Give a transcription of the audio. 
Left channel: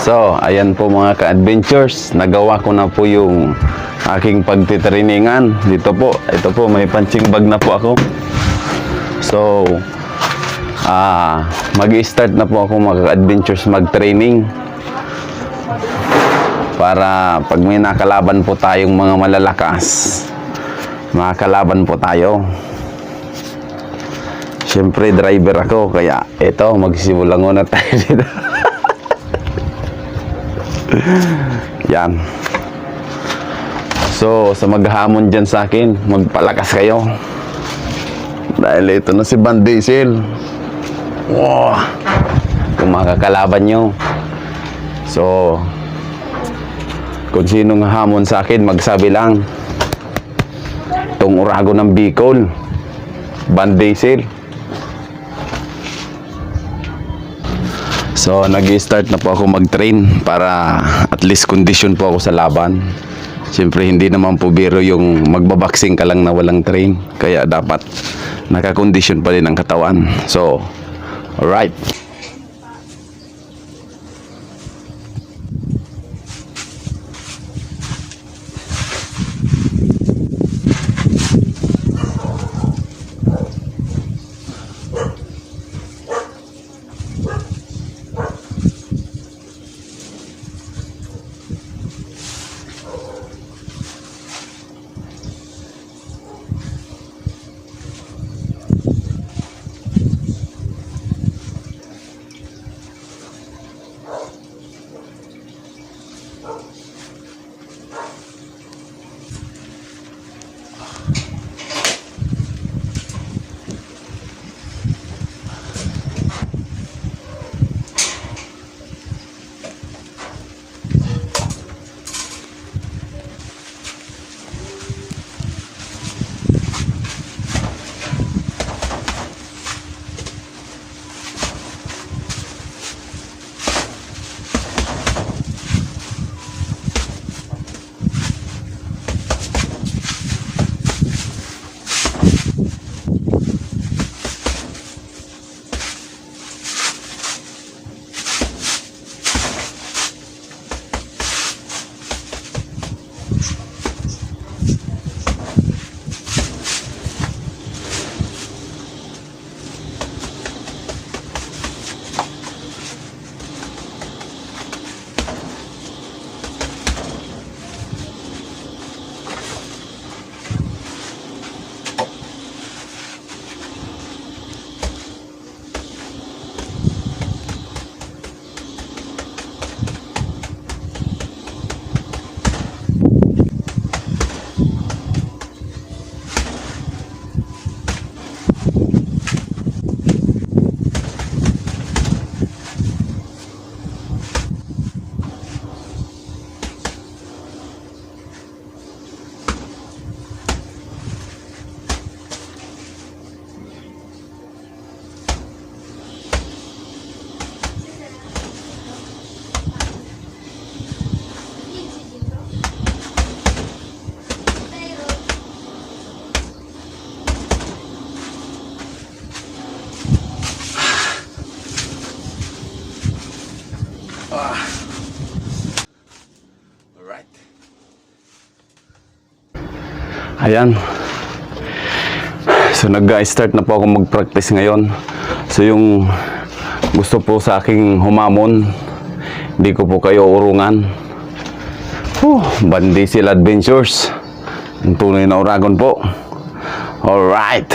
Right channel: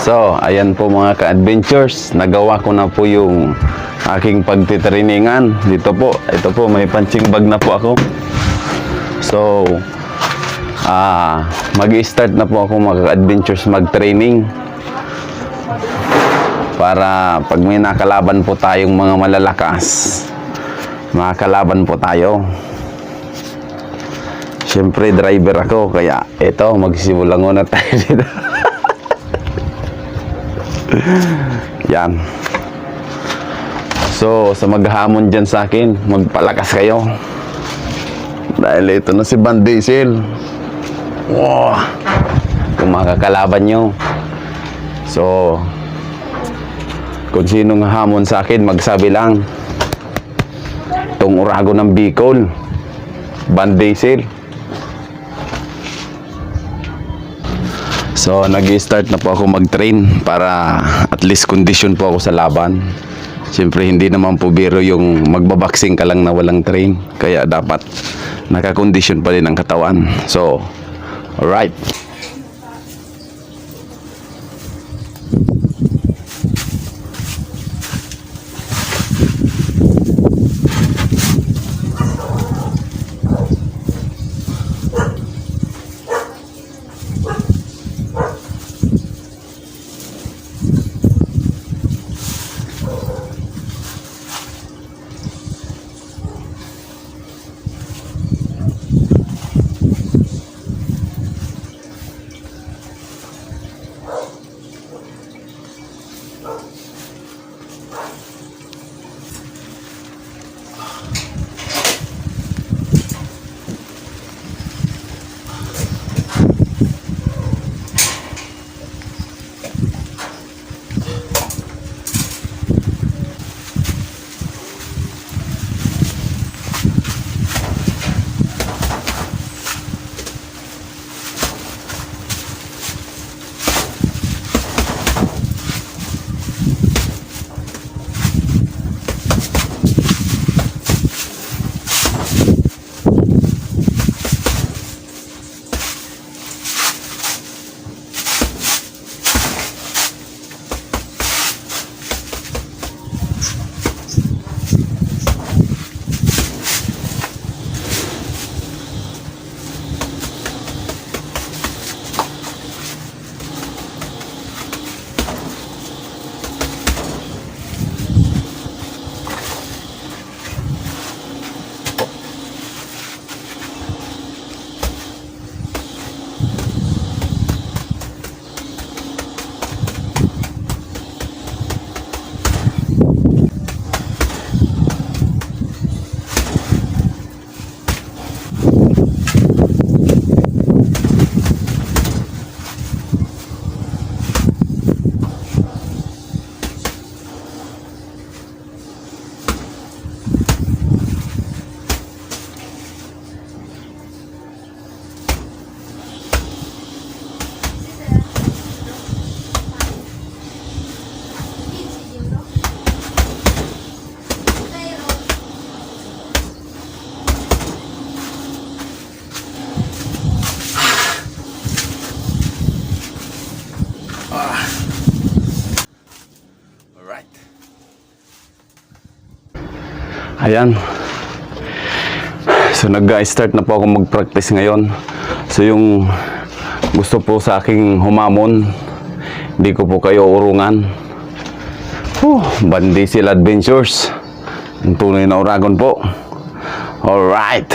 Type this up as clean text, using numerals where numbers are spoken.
So, ayan po mga ka-adventures. Nagawa ko na po yung aking pagtitrainingan. Dito po, ito po, may punching bag na po ako. So, mag-i-start na po ako mga ka-adventures mag-training. Para pag may nakalaban po tayong mga malalakas, makakalaban po tayo. Siyempre, driver ako, kaya ito, magsimula muna tayo dito. Yan. So, sa maghamon dyan sa akin, magpalakas kayo. Dahil ito na si Van Diesel. Wow. Kung makakalaban nyo. So, kung sinong hamon sa akin, magsabi lang. Itong Urago ng Bicol, Van Diesel. So, nag-i-start na po ako mag-train para at least condition po ako sa laban. Siyempre, hindi naman po biro yung magbaboxing ka lang na walang train. Kaya dapat nakakondisyon pa rin ang katawan. So, alright. Ayan. So, nag-start na po ako mag-practice ngayon. So, yung gusto po sa aking humamon, hindi ko po kayo urungan. Van Diesel Adventures. Ang tunay na Uragon po. Alright.